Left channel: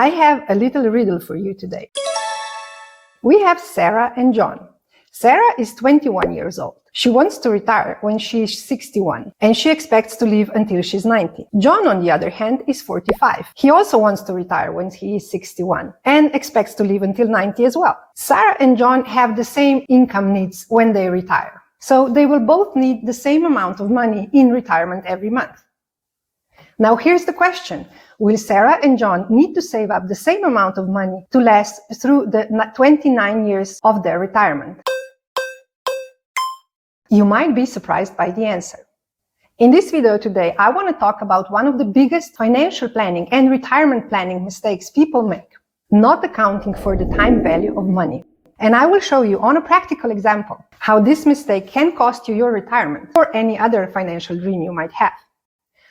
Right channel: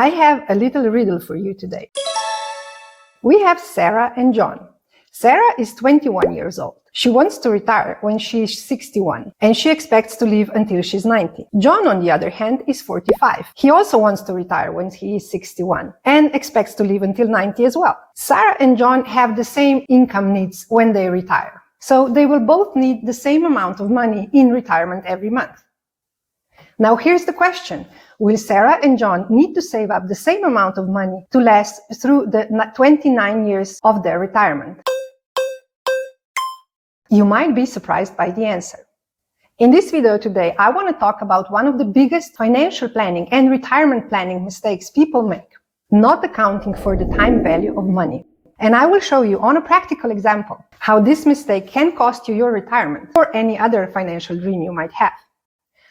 I have a little riddle for you today. We have Sarah and John. Sarah is 21 years old. She wants to retire when she is 61, and she expects to live until she's 90. John, on the other hand, is 45. He also wants to retire when he is 61 and expects to live until 90 as well. Sarah and John have the same income needs when they retire. So they will both need the same amount of money in retirement every month. Now here's the question. Will Sarah and John need to save up the same amount of money to last through the 29 years of their retirement? You might be surprised by the answer. In this video today, I want to talk about one of the biggest financial planning and retirement planning mistakes people make, not accounting for the time value of money. And I will show you on a practical example how this mistake can cost you your retirement or any other financial dream you might have.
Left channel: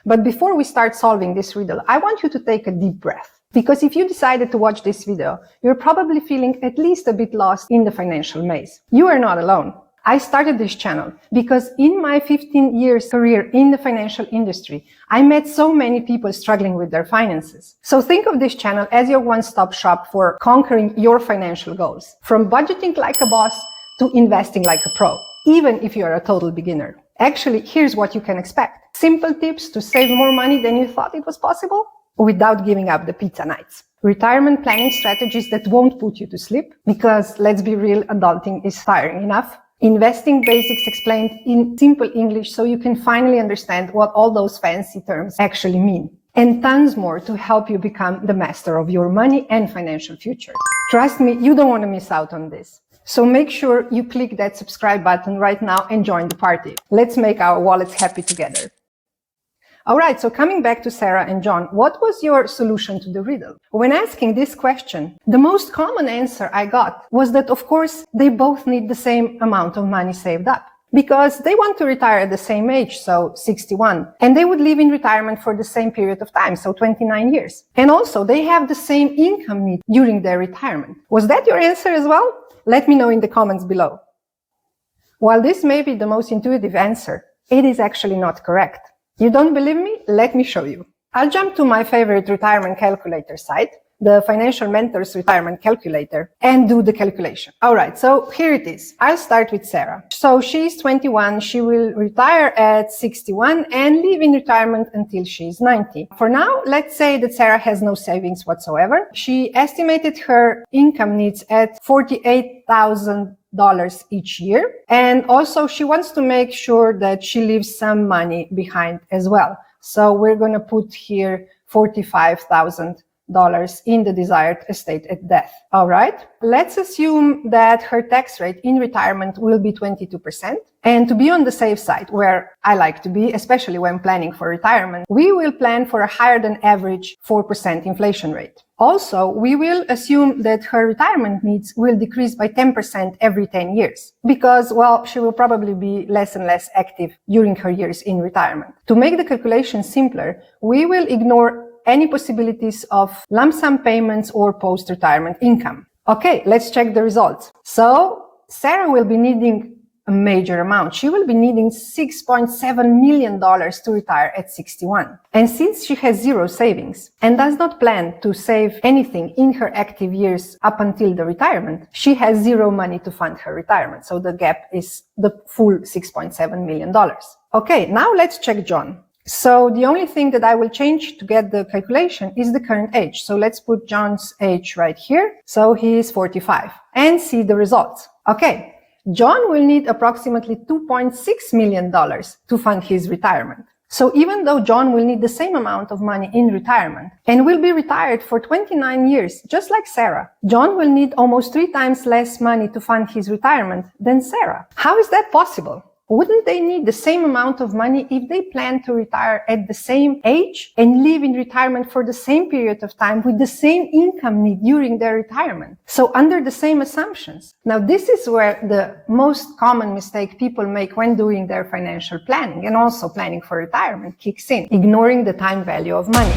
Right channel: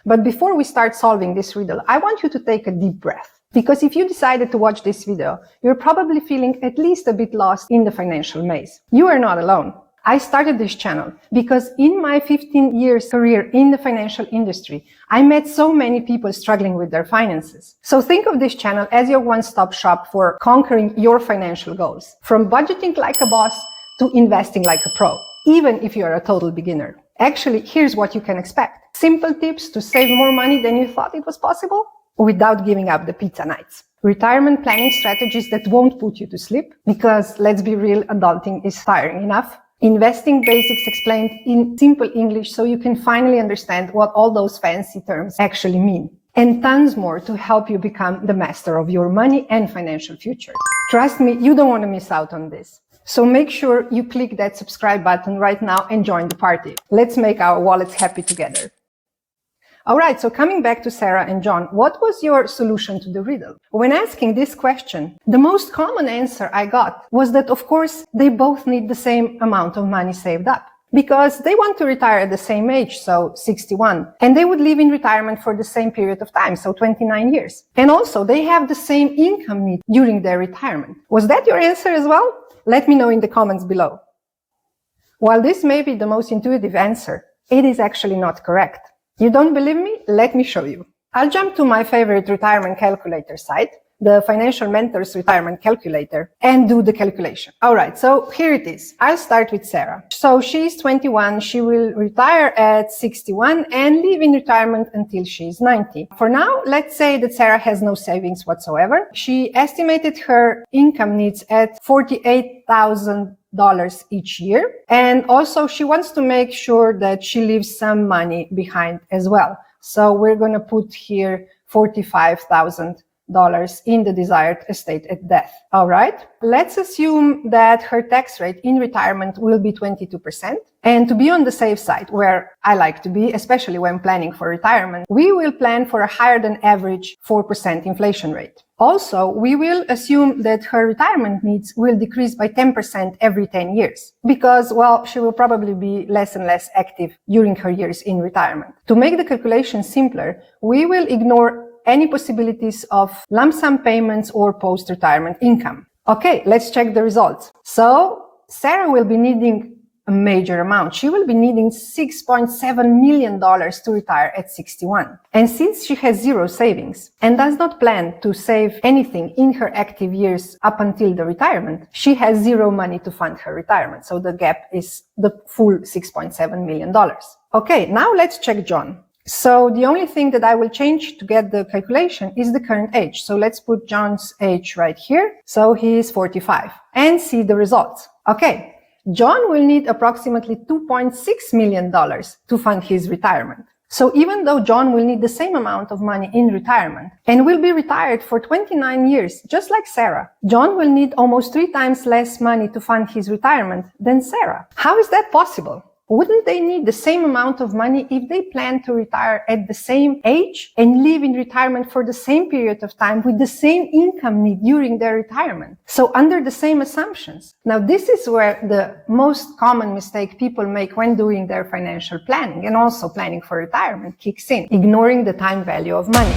But before we start solving this riddle, I want you to take a deep breath. Because if you decided to watch this video, you're probably feeling at least a bit lost in the financial maze. You are not alone. I started this channel because in my 15 years career in the financial industry, I met so many people struggling with their finances. So think of this channel as your one-stop shop for conquering your financial goals. From budgeting like a boss to investing like a pro, even if you're a total beginner. Actually, here's what you can expect. Simple tips to save more money than you thought it was possible without giving up the pizza nights. Retirement planning strategies that won't put you to sleep because, let's be real, adulting is tiring enough. Investing basics explained in simple English so you can finally understand what all those fancy terms actually mean. And tons more to help you become the master of your money and financial future. Trust me, you don't want to miss out on this. So make sure you click that subscribe button right now and join the party. Let's make our wallets happy together. Alright, so coming back to Sarah and John, what was your solution to the riddle? When asking this question, the most common answer I got was that, of course, they both need the same amount of money saved up. Because they want to retire at the same age, so 61, and they would live in retirement for the same period of time, so 29 years. And also, they have the same income need during their retirement. Was that your answer as well? Let me know in the comments below. While this may be the most intuitive answer, it is actually not correct. You don't believe me? Let me show you. I'll jump to my favorite retirement calculator site, the Financial Mentors Retirement Calculator, and do the calculation. Alright, so here it is. I'll start with Sarah. So she's 21, she will retire at 61 and live in retirement until she's 90. For now, let's say that Sarah has no savings whatsoever. She estimated her income needs at $48,000 each year. And also she wants to make sure that she leaves some money behind as well. So we're going to put here $45,000 in the desired estate at death. All right. Let's assume that her tax rate in retirement will be 22%. And to be on the safe side, where I like to be, especially when planning for retirement, we will plan for a higher than average 4% inflation rate. Also, we will assume that her retirement needs will decrease by 10% every 10 years because, well, she will probably be less and less active during her years in retirement. To make the calculation simpler, we will ignore any possibilities of lump sum payments or post-retirement income. Okay, let's check the results. So, Sarah will be needing a major amount. She will be needing $6.7 million to retire at 61. And since she has zero savings and does not plan to save anything in her active years up until the retirement, she has zero money to fund her retirement. So the gap is the full $6.7 million. Okay, now let's check John. So the only thing that I will change to get the calculation is the current age. So let's put John's age right here. So he is 45 and see the results. Okay. John will need approximately $2.6 million to fund his retirement. So even though John will need the same amount of money in retirement and will be retired for 29 years, just like Sarah, John will need almost 3 times less money to fund his retirement than Sarah. How is that possible? Wouldn't they need the same amount of money if they plan to retire at the same age and live in retirement for the same period of time with the same income need during their retirement? So under the same assumptions. Now this is where the most common mistake people make when doing their financial planning and also planning for retirement kicks in, ignoring the time value of money.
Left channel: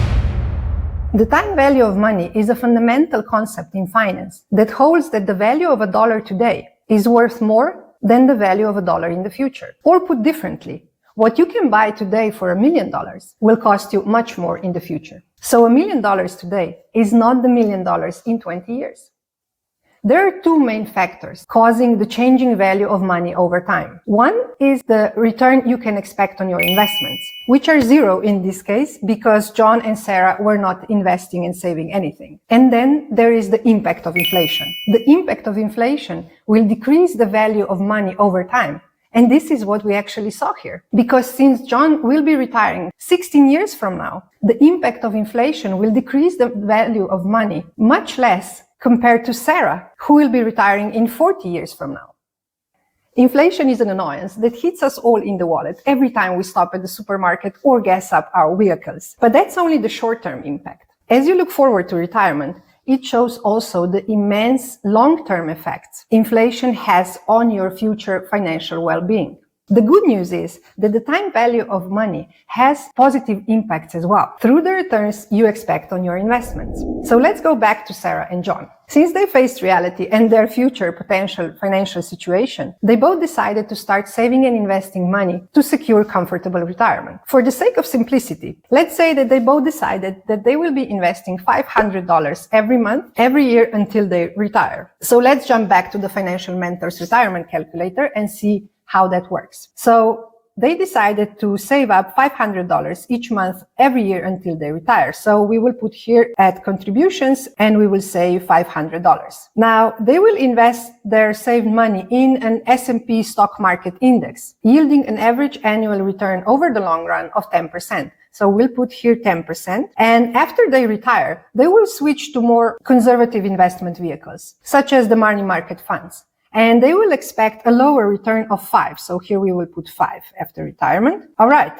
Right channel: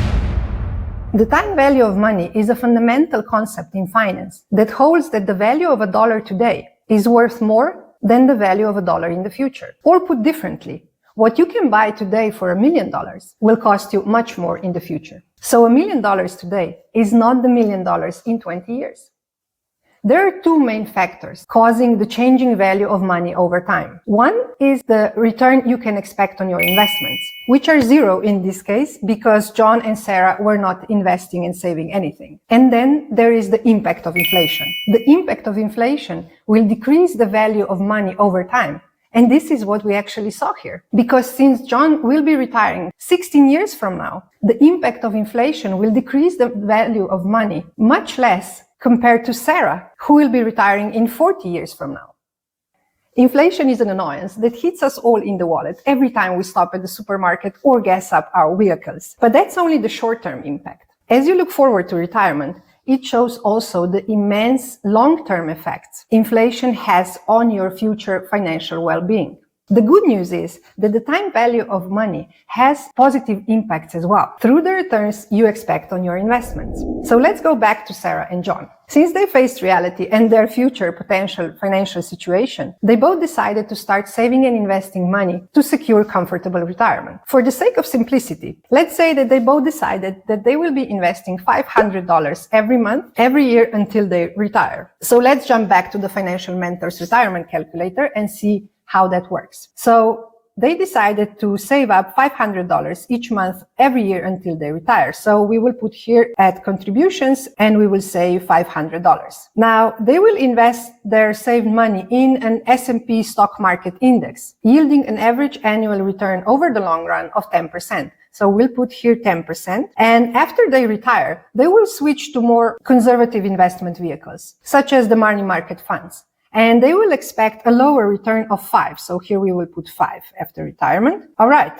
The time value of money is a fundamental concept in finance that holds that the value of $1 today is worth more than the value of $1 in the future. Or put differently, what you can buy today for $1 million will cost you much more in the future. So $1 million today is not the $1 million in 20 years. There are two main factors causing the changing value of money over time. One is the return you can expect on your investments, which are zero in this case because John and Sarah were not investing and saving anything. And then there is the impact of inflation. The impact of inflation will decrease the value of money over time. And this is what we actually saw here. Because since John will be retiring 16 years from now, the impact of inflation will decrease the value of money much less compared to Sarah, who will be retiring in 40 years from now. Inflation is an annoyance that hits us all in the wallet every time we stop at the supermarket or gas up our vehicles. But that's only the short-term impact. As you look forward to retirement, it shows also the immense long-term effects inflation has on your future financial well-being. The good news is that the time value of money has positive impacts as well through the returns you expect on your investments. So let's go back to Sarah and John. Since they faced reality and their future potential financial situation, they both decided to start saving and investing money to secure comfortable retirement. For the sake of simplicity, let's say that they both decided that they will be investing $500 every month, every year until they retire. So let's jump back to the Financial Mentors retirement calculator and see how that works. So they decided to save up $500 each month every year until they retire. So we will put here at contributions and we will say $500. Now they will invest their saved money in an S&P stock market index, yielding an average annual return over the long run of 10%. So we'll put here 10%. And after they retire, they will switch to more conservative investment vehicles, such as the money market funds. And they will expect a lower return of 5. So here we will put 5 after retirement. All right,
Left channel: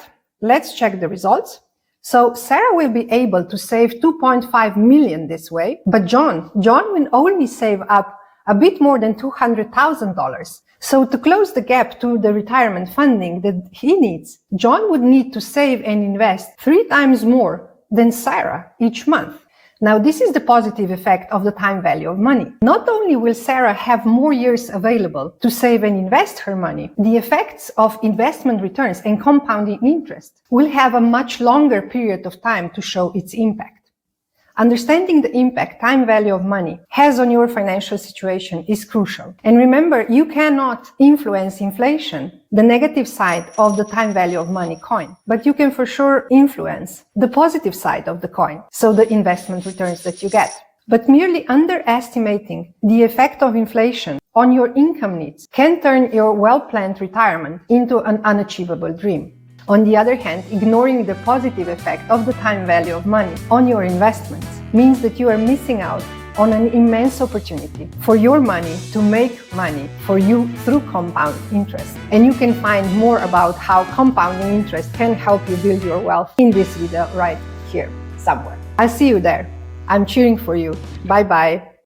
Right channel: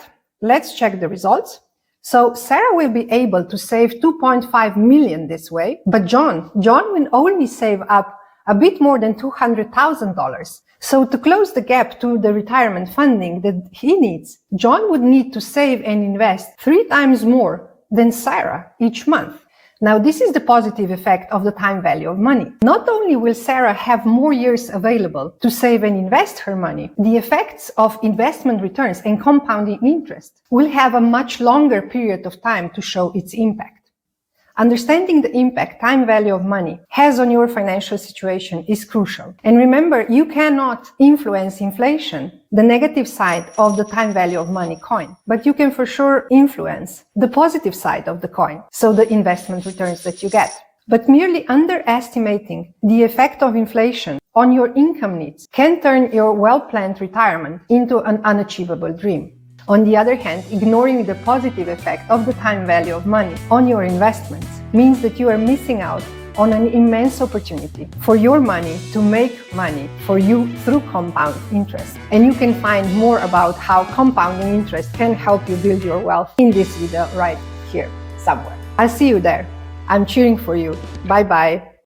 let's check the results. So Sarah will be able to save $2.5 million this way, but John will only save up a bit more than $200,000. So to close the gap to the retirement funding that he needs, John would need to save and invest 3 times more than Sarah each month. Now, this is the positive effect of the time value of money. Not only will Sarah have more years available to save and invest her money, the effects of investment returns and compounding interest will have a much longer period of time to show its impact. Understanding the impact time value of money has on your financial situation is crucial. And remember, you cannot influence inflation, the negative side of the time value of money coin, but you can for sure influence the positive side of the coin, so the investment returns that you get. But merely underestimating the effect of inflation on your income needs can turn your well-planned retirement into an unachievable dream. On the other hand, ignoring the positive effect of the time value of money on your investments means that you are missing out on an immense opportunity for your money to make money for you through compound interest. And you can find more about how compound interest can help you build your wealth in this video right here somewhere. I'll see you there. I'm cheering for you. Bye-bye.